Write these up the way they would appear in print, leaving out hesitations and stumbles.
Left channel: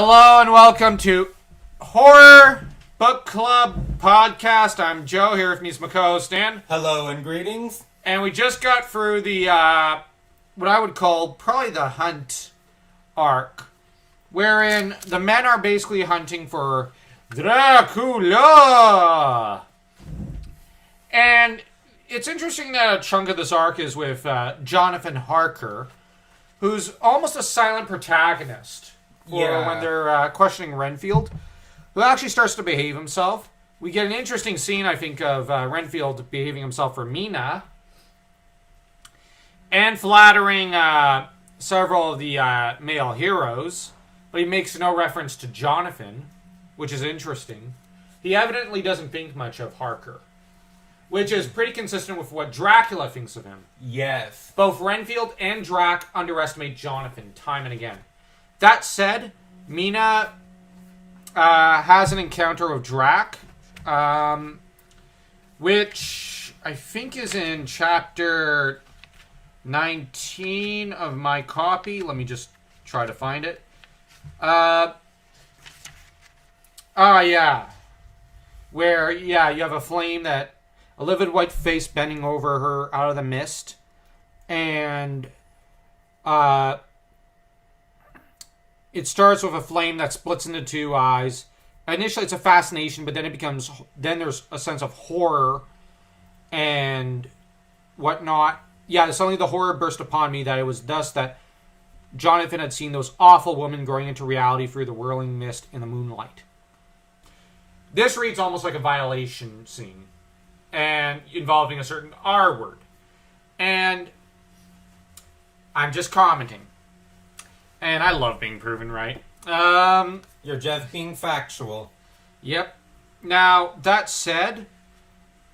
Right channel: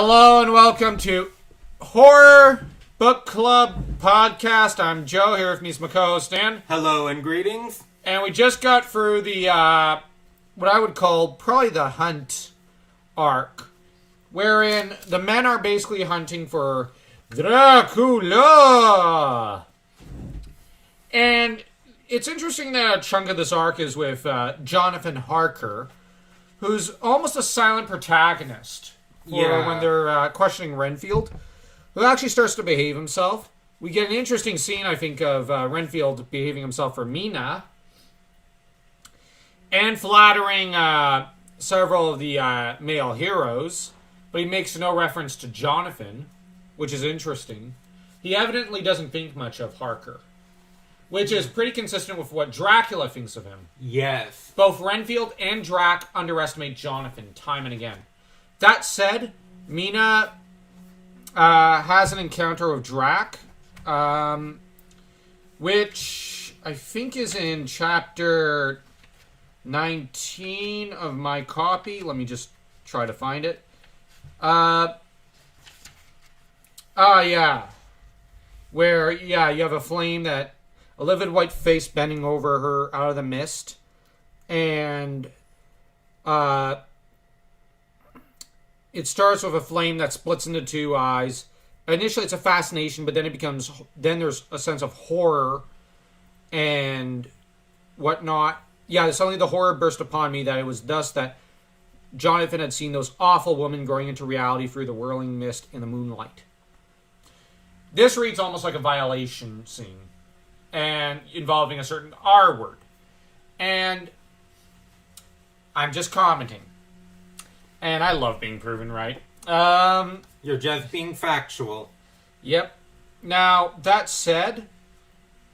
Hello and welcome to Horror Book Club Podcast. I'm Joe, here with me is my co-host Dan. Hello and greetings. And we just got through the, what I would call probably the hunt arc, wherein the men are basically hunting for Dracula. And it's interesting that a chunk of this arc is with Jonathan Harker, who's almost a silent protagonist. When they're questioning Renfield, who actually starts to behave himself. We get an interesting scene, I think, of Renfield behaving himself for Mina. And flattering several of the male heroes. But he makes no reference to Jonathan, which is interesting. He evidently doesn't think much of Harker, which is pretty consistent with what Dracula thinks of him. Yes. Both Renfield and Drac underestimate Jonathan time and again. That said, Mina has an encounter with Drac, which I think is in chapter 19 of my copy. Let me just try to find it. Where, you have a flame a livid white face bending over her out of the mist. And, it starts with a flame that splits into two eyes. Initially, it's a fascination, but then there's a sense of horror and whatnot. Yeah, suddenly the horror burst upon me that it was thus that Jonathan had seen those awful women growing into reality through the whirling mist in the moonlight. This reads almost like a violation scene, and involving a certain R word. And I'm just commenting. And I love being proven right. You're just being factual. Yep. Now, that said,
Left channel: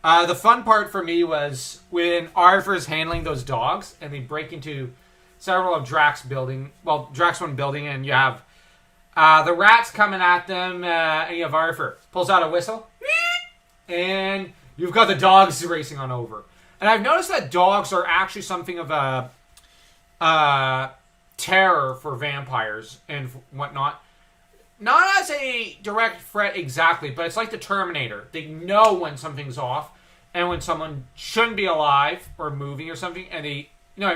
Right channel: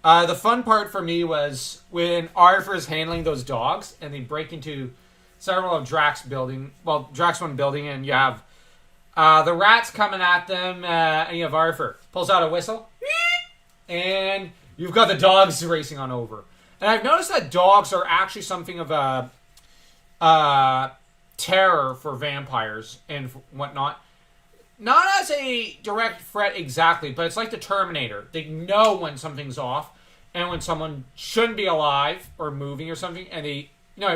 the fun part for me was when Arthur's handling those dogs, and they break into several of Drac's building. Well, Drac's one building, and you have the rats coming at them, and you have Arthur pulls out a whistle, and you've got the dogs racing on over. And I've noticed that dogs are actually something of a terror for vampires and whatnot. Not as a direct threat exactly, but it's like the Terminator. They know when something's off and when someone shouldn't be alive or moving or something, and it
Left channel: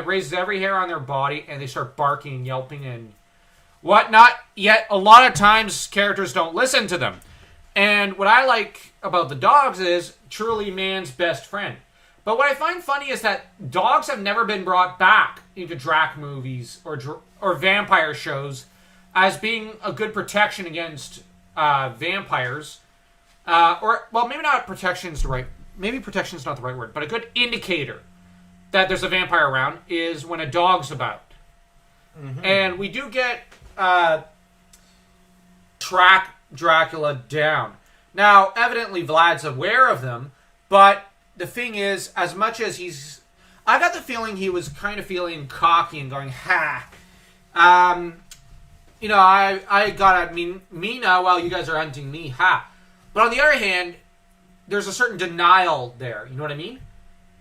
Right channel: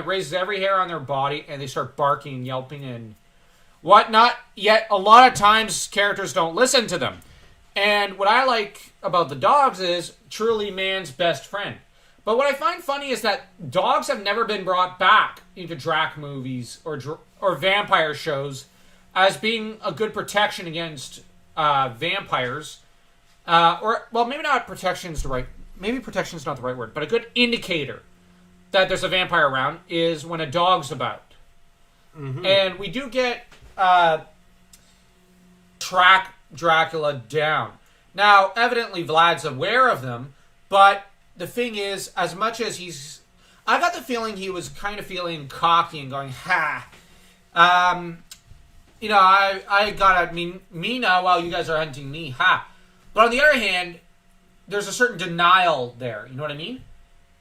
raises every hair on their body and they start barking and yelping and whatnot. Yet a lot of times characters don't listen to them. And what I like about the dogs is truly man's best friend. But what I find funny is that dogs have never been brought back into Drac movies or vampire shows as being a good protection against vampires. Maybe not protection is maybe protection is not the right word, but a good indicator that there's a vampire around is when a dog's about. Mm-hmm. And we do get track Dracula down. Now, evidently Vlad's aware of them, but the thing is, as much as I got the feeling he was kind of feeling cocky and going, I got at Mina while you guys are hunting me, But on the other hand, there's a certain denial there, you know what I mean?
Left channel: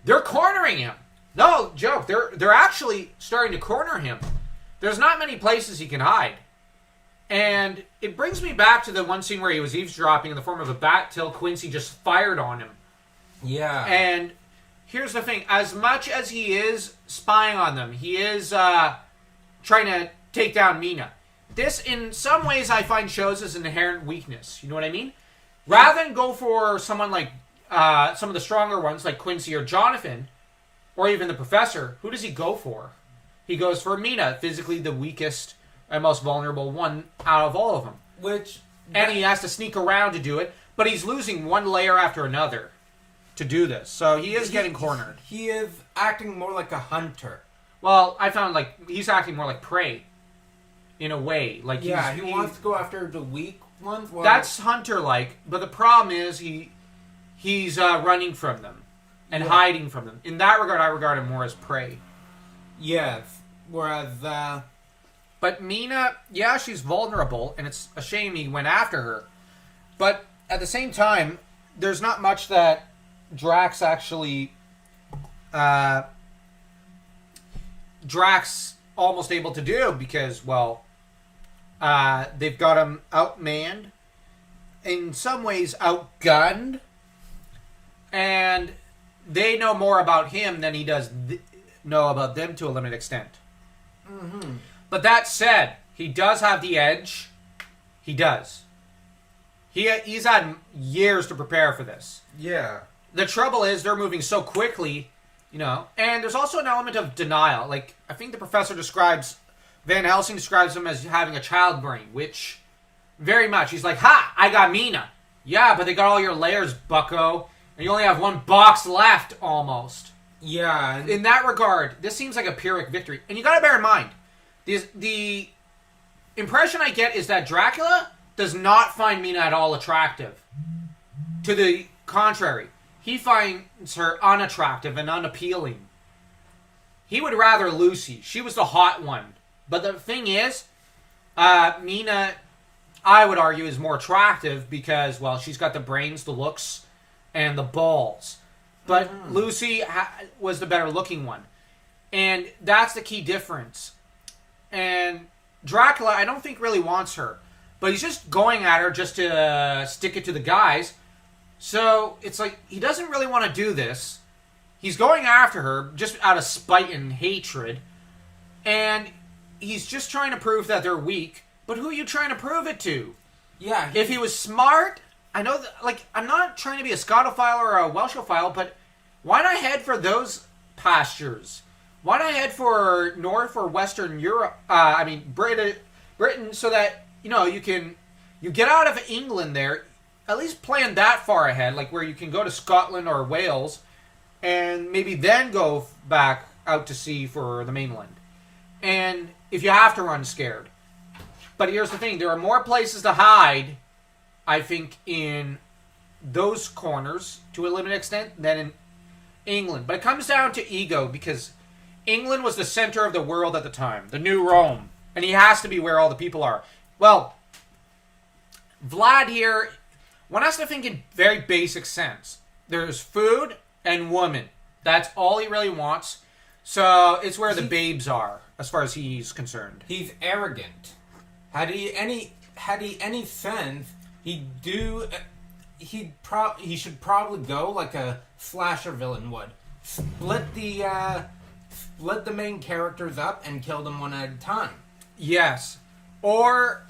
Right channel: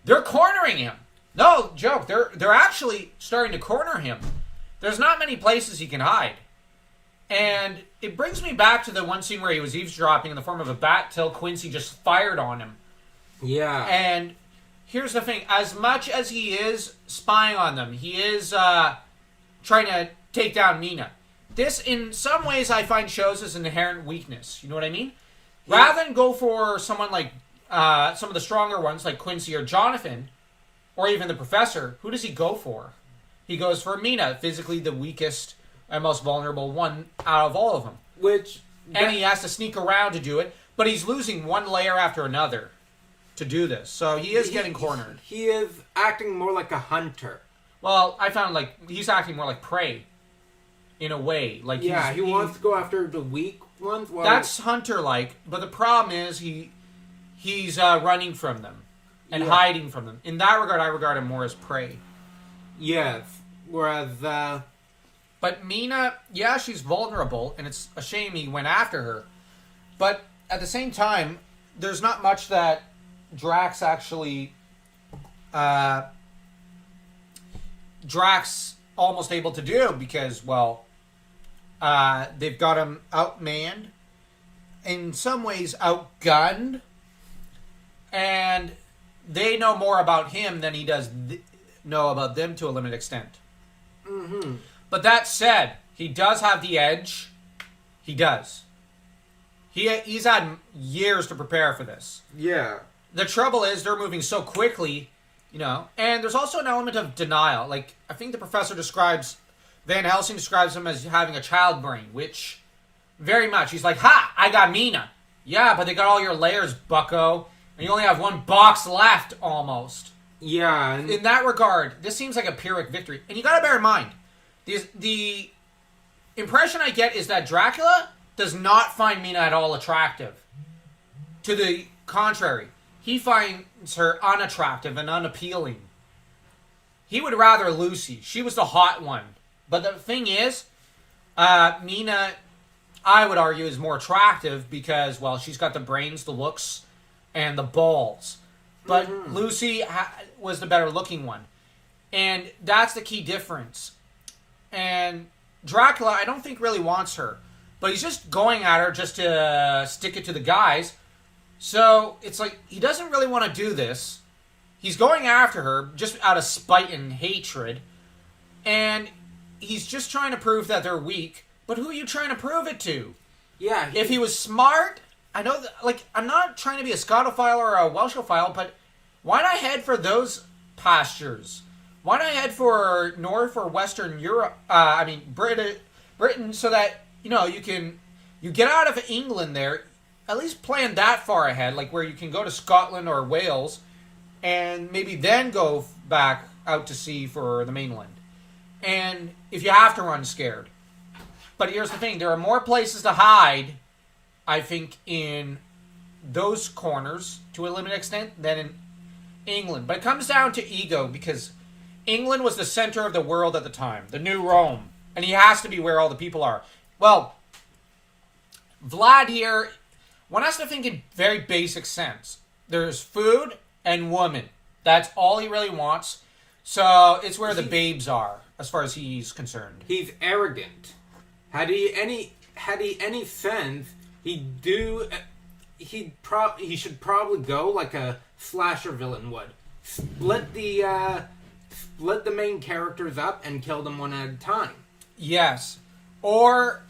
They're cornering him. No joke, they're actually starting to corner him. There's not many places he can hide. And it brings me back to the one scene where he was eavesdropping in the form of a bat till Quincy just fired on him. Yeah. And here's the thing. As much as he is spying on them, he is trying to take down Mina. This, in some ways, I find shows as an inherent weakness. You know what I mean? Yeah. Rather than go for someone like some of the stronger ones, like Quincy or Jonathan, or even the Professor, who does he go for? He goes for Mina, physically the weakest and most vulnerable one out of all of them. And he has to sneak around to do it, but he's losing one layer after another to do this. So he is getting cornered. He is acting more like a hunter. Well, I found he's acting more like prey. In a way. He wants to go after the weak ones. That's hunter-like, but the problem is he's running from them and hiding from them. In that regard, I regard him more as prey. Yes. Whereas, But Mina, she's vulnerable, and it's a shame he went after her. But at the same time, there's not much that Drax actually Drax almost able to do because, well, They've got him outmanned, in some ways outgunned, and they know more about him than he does know about them to a limited extent. Mm-hmm. But that said, he does have the edge. He does. He's had years to prepare for this. Yeah. The trouble is they're moving so quickly, and there's also an element of denial. Like, I think the professor Van Helsing describes him as having a child brain, which very much, he's like, ha, I got Mina. Yeah, but they got all your layers, bucko, and you only have one box left, almost. Yeah. In that regard, this seems like a Pyrrhic victory. And you gotta bear in mind, the impression I get is that Dracula does not find Mina at all attractive. To the contrary, he finds her unattractive and unappealing. He would rather Lucy. She was the hot one. But the thing is, Mina, I would argue, is more attractive because, well, she's got the brains, the looks, and the balls. But Lucy was the better looking one. And that's the key difference. And Dracula, I don't think really wants her. But he's just going at her just to stick it to the guys. So it's like, he doesn't really want to do this. He's going after her just out of spite and hatred. And he's just trying to prove that they're weak. But who are you trying to prove it to? Yeah. If he was smart, I know that, I'm not trying to be a Scotophile or a Welshophile, but why not head for those pastures? Why not head for North or Western Europe? Britain, so that you get out of England there. At least plan that far ahead, like where you can go to Scotland or Wales, and maybe then go back out to sea for the mainland. And if you have to run scared. But here's the thing, there are more places to hide, I think, in those corners, to a limited extent, than in England. But it comes down to ego, because England was the center of the world at the time, the new Rome. And he has to be where all the people are. Well, Vlad here, one has to think in very basic sense. There's food and woman. That's all he really wants. So it's where the babes are, as far as he's concerned. He's arrogant. Had he any sense, he should probably go like a slasher villain would. Split the main characters up and kill them one at a time. Yes. Or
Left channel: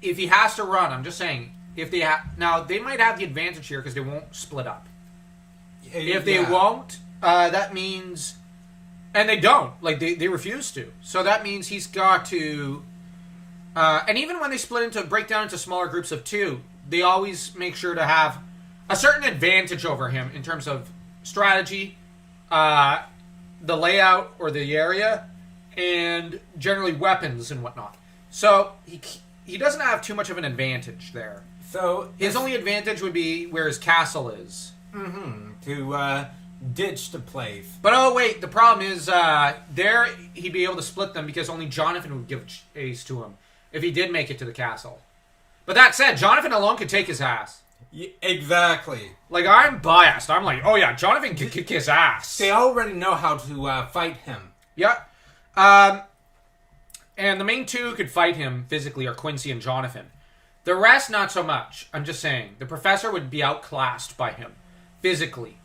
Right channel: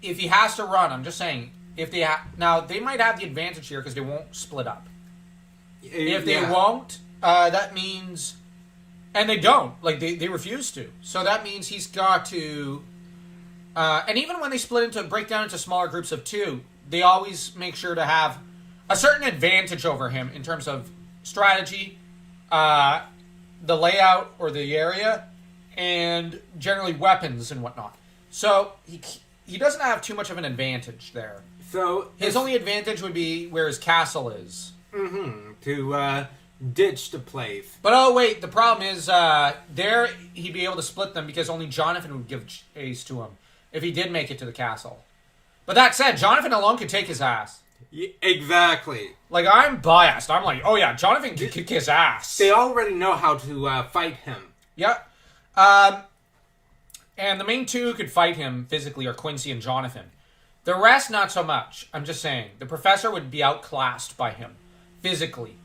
if he has to run, I'm just saying, if they now they might have the advantage here because they won't split up. If they won't, that means, and they don't, they refuse to. So that means he's got to, and even when they break down into smaller groups of two, they always make sure to have a certain advantage over him in terms of strategy, the layout or the area, and generally weapons and whatnot. So he doesn't have too much of an advantage there. So his only advantage would be where his castle is. To ditch the place. But oh wait, the problem is there he'd be able to split them because only Jonathan would give chase to him if he did make it to the castle. But that said, Jonathan alone could take his ass. Yeah, exactly. I'm biased. I'm like, oh yeah, Jonathan can kick his ass. They already know how to fight him. Yeah. And the main two who could fight him physically are Quincy and Jonathan. The rest, not so much. I'm just saying. The professor would be outclassed by him, physically.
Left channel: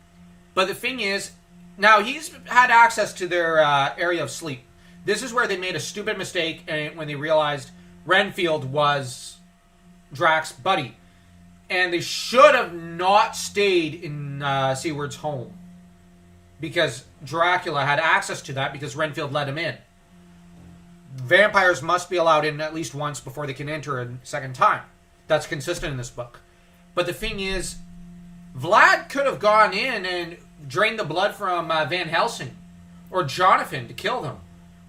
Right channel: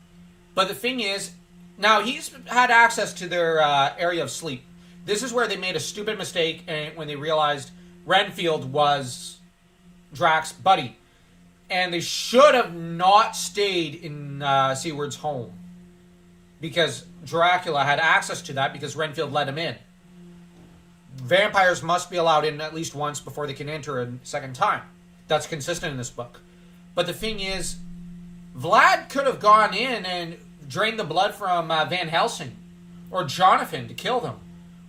But the thing is, now he's had access to their area of sleep. This is where they made a stupid mistake when they realized Renfield was Drac's buddy. And they should have not stayed in Seward's home. Because Dracula had access to that because Renfield let him in. Vampires must be allowed in at least once before they can enter a second time. That's consistent in this book. But the thing is, Vlad could have gone in and drained the blood from Van Helsing. Or Jonathan to kill them.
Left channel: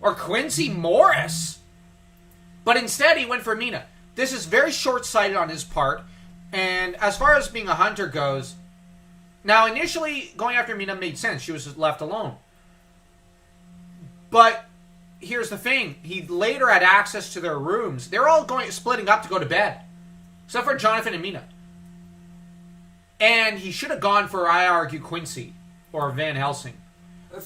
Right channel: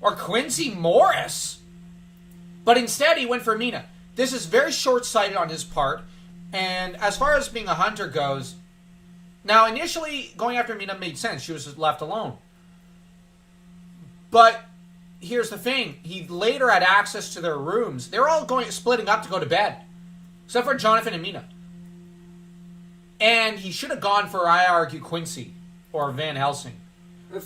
Or Quincy Morris. But instead he went for Mina. This is very short-sighted on his part. And as far as being a hunter goes, now initially going after Mina made sense. She was just left alone. But here's the thing. He later had access to their rooms. They're all splitting up to go to bed. Except for Jonathan and Mina. And he should have gone for, I argue, Quincy. Or Van Helsing.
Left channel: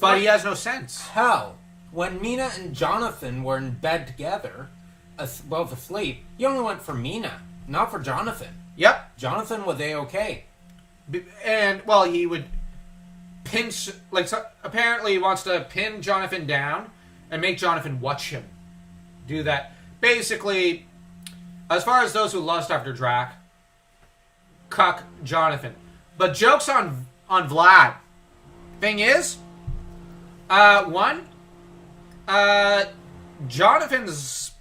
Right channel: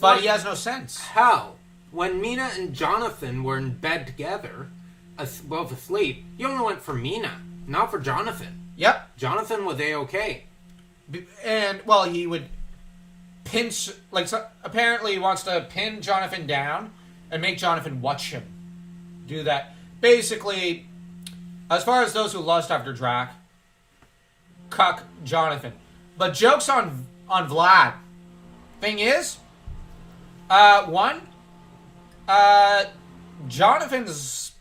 But he has no sense. Hell, when Mina and Jonathan were in bed together, both asleep, he only went for Mina, not for Jonathan. Yep. Jonathan was A-okay. And, well, he would pinch, like, so apparently he wants to pin Jonathan down and make Jonathan watch him do that. Basically, as far as those who lust after Drac, cuck Jonathan. But joke's on Vlad. Thing is, Jonathan's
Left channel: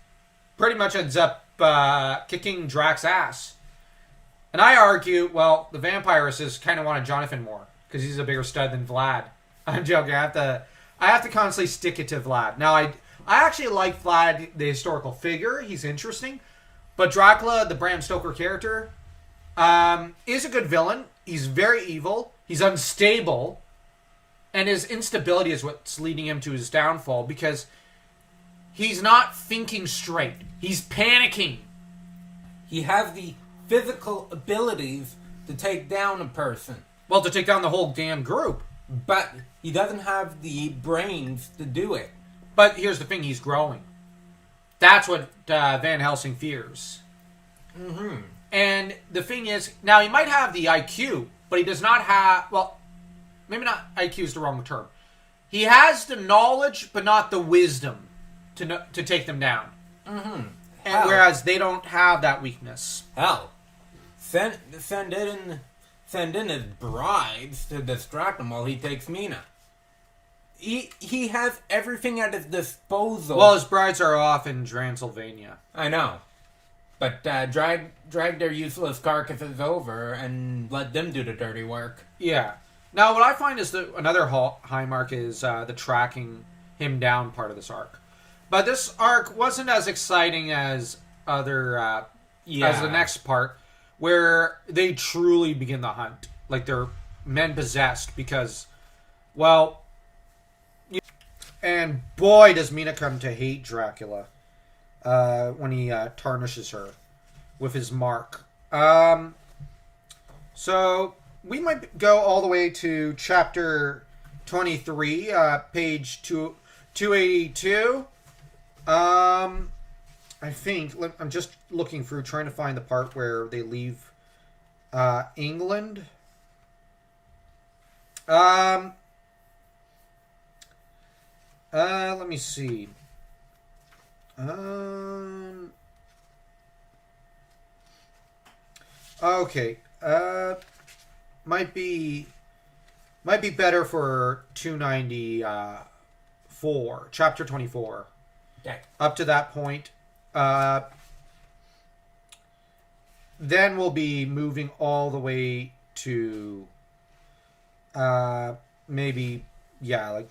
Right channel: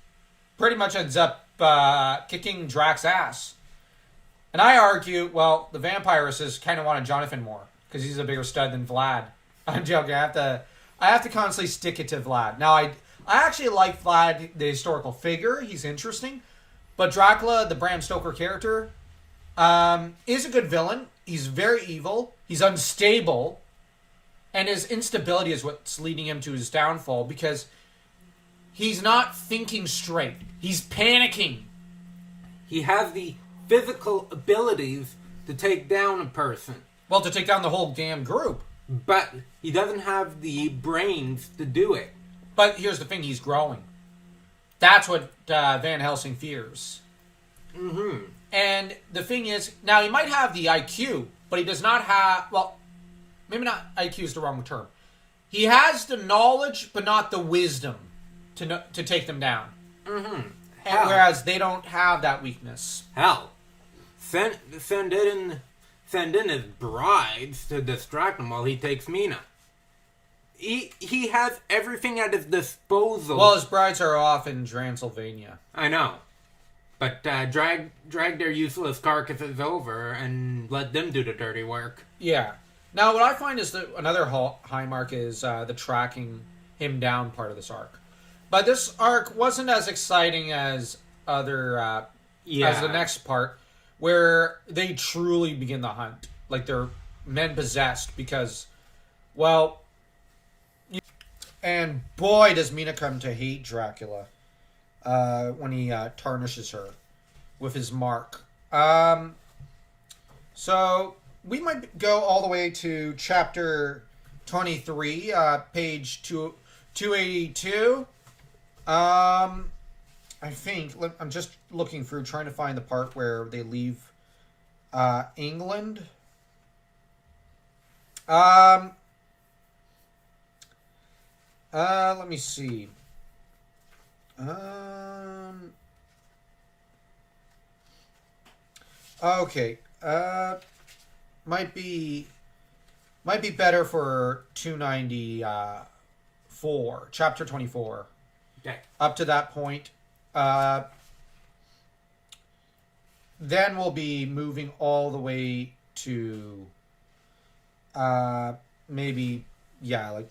pretty much ends up kicking Drac's ass. And I argue, well, the vampires kind of wanted Jonathan more because he's a bigger stud than Vlad. I'm joking. I have to constantly stick it to Vlad. Now, I actually like Vlad, the historical figure. He's interesting. But Dracula, the Bram Stoker character, is a good villain. He's very evil. He's unstable. And his instability is what's leading him to his downfall because he's not thinking straight. He's panicking. He has the physical abilities to take down a person. Well, to take down the whole damn group. But he doesn't have the brains to do it. But here's the thing, he's growing. That's what Van Helsing fears. Mm-hmm. And the thing is, now he might have the IQ, but he does not have, well, maybe not IQ is the wrong term. He has the knowledge, but not the wisdom to take them down. Mm-hmm. And whereas they don't have that weakness. Hell, send in his brides to distract him while he takes Mina. He has everything at his disposal. Well, his brides are off in Transylvania. I know. But drag their useless carcasses over and let them do the dirty work. Yeah. Now, what I find is that another high mark is the tracking him down part of this arc. But this arc wasn't as exciting as as the next part, where they truly begin the hunt. Like, they're men possessed because, well... And boy, does Mina come to hate Dracula when he tarnishes her with his mark. So we might go all the way to chapter 23, page 282. I think I'm just looking through, trying to find the part where they leave England. Let me see. Okay. Might be better for 294, chapter 24. Okay. Up to that point. Then we'll be moving all the way to maybe, like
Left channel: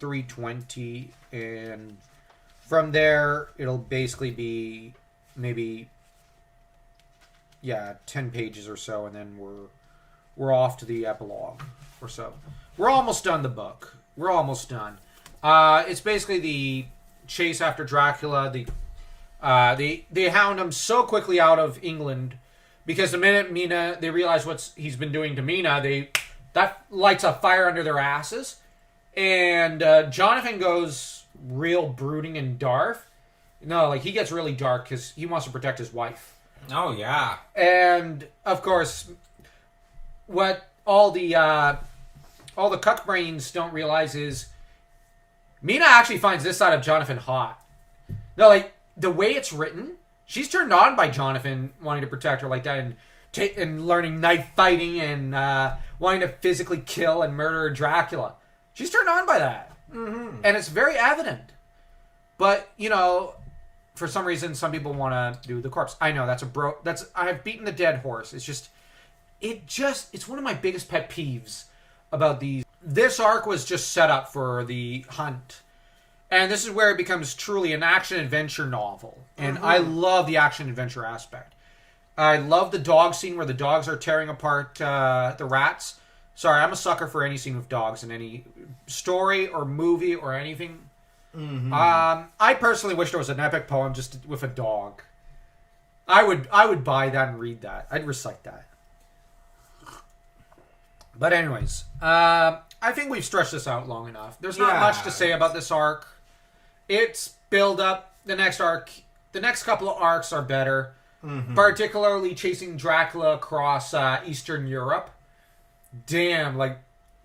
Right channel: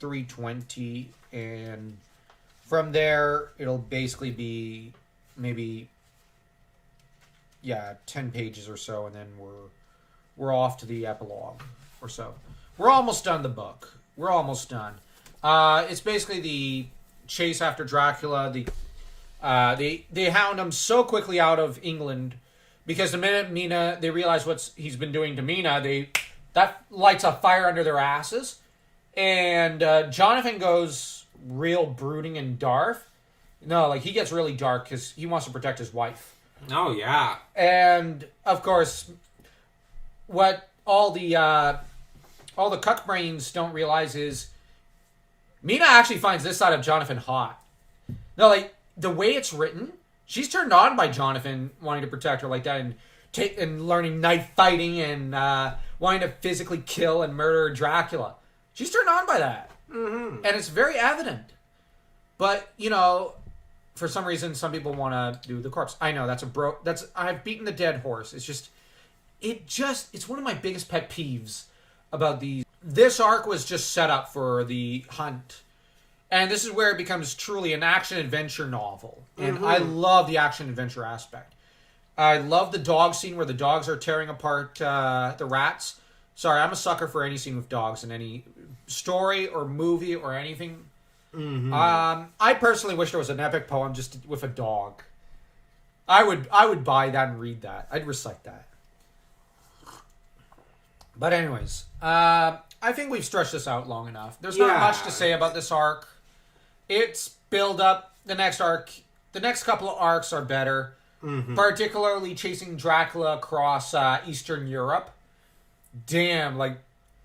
320, and from there it'll basically be maybe 10 pages or so, and then we're off to the epilogue or so. We're almost done the book. We're almost done. It's basically the chase after Dracula. They hound him so quickly out of England because the minute they realize what he's been doing to Mina, that lights a fire under their asses. And Jonathan goes real brooding and dark. No, like, he gets really dark because he wants to protect his wife. Oh, yeah. And, of course, what all the cuck brains don't realize is Mina actually finds this side of Jonathan hot. No, like, the way it's written, she's turned on by Jonathan wanting to protect her like that and learning knife fighting and wanting to physically kill and murder Dracula. She's turned on by that. Mm-hmm. And it's very evident. But, for some reason, some people want to do the corpse. I know, I've beaten the dead horse. It's one of my biggest pet peeves about these. This arc was just set up for the hunt. And this is where it becomes truly an action-adventure novel. And I love the action-adventure aspect. I love the dog scene where the dogs are tearing apart the rats. Sorry, I'm a sucker for any scene with dogs in any story or movie or anything. Mm-hmm. I personally wish there was an epic poem just with a dog. I would buy that and read that. I'd recite that. But anyways, I think we've stretched this out long enough. There's not much to say about this arc. It's build up. The next arc the next couple of arcs are better. Mm-hmm. Particularly chasing Dracula across Eastern Europe. Damn, like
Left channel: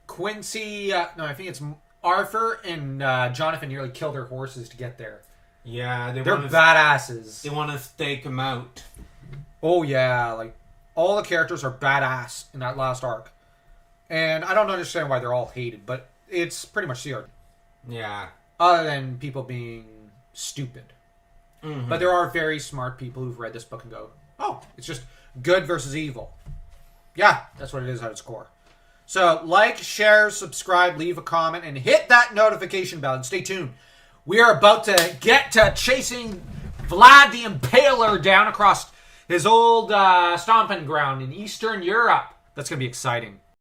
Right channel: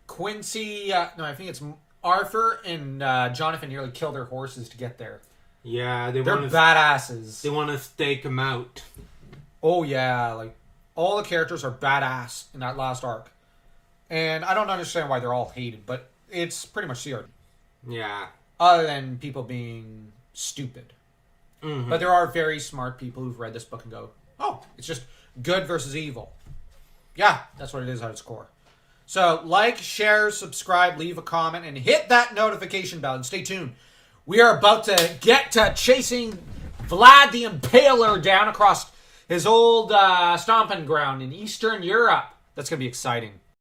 Quincy, no, I think it's Arthur and Jonathan nearly kill their horses to get there. Yeah, they're badasses. They want to stake him out. Oh yeah, like all the characters are badass in that last arc, and I don't understand why they're all hated, but it's pretty much the art. Yeah. Other than people being stupid, Mm-hmm. but there are very smart people who've read this book and go, "Oh, it's just good versus evil." Yeah, that's what it is at its core. So, like, share, subscribe, leave a comment, and hit that notification bell, and stay tuned. We are about to get to chasing Vlad the Impaler down across his old stomping ground in Eastern Europe. That's going to be exciting.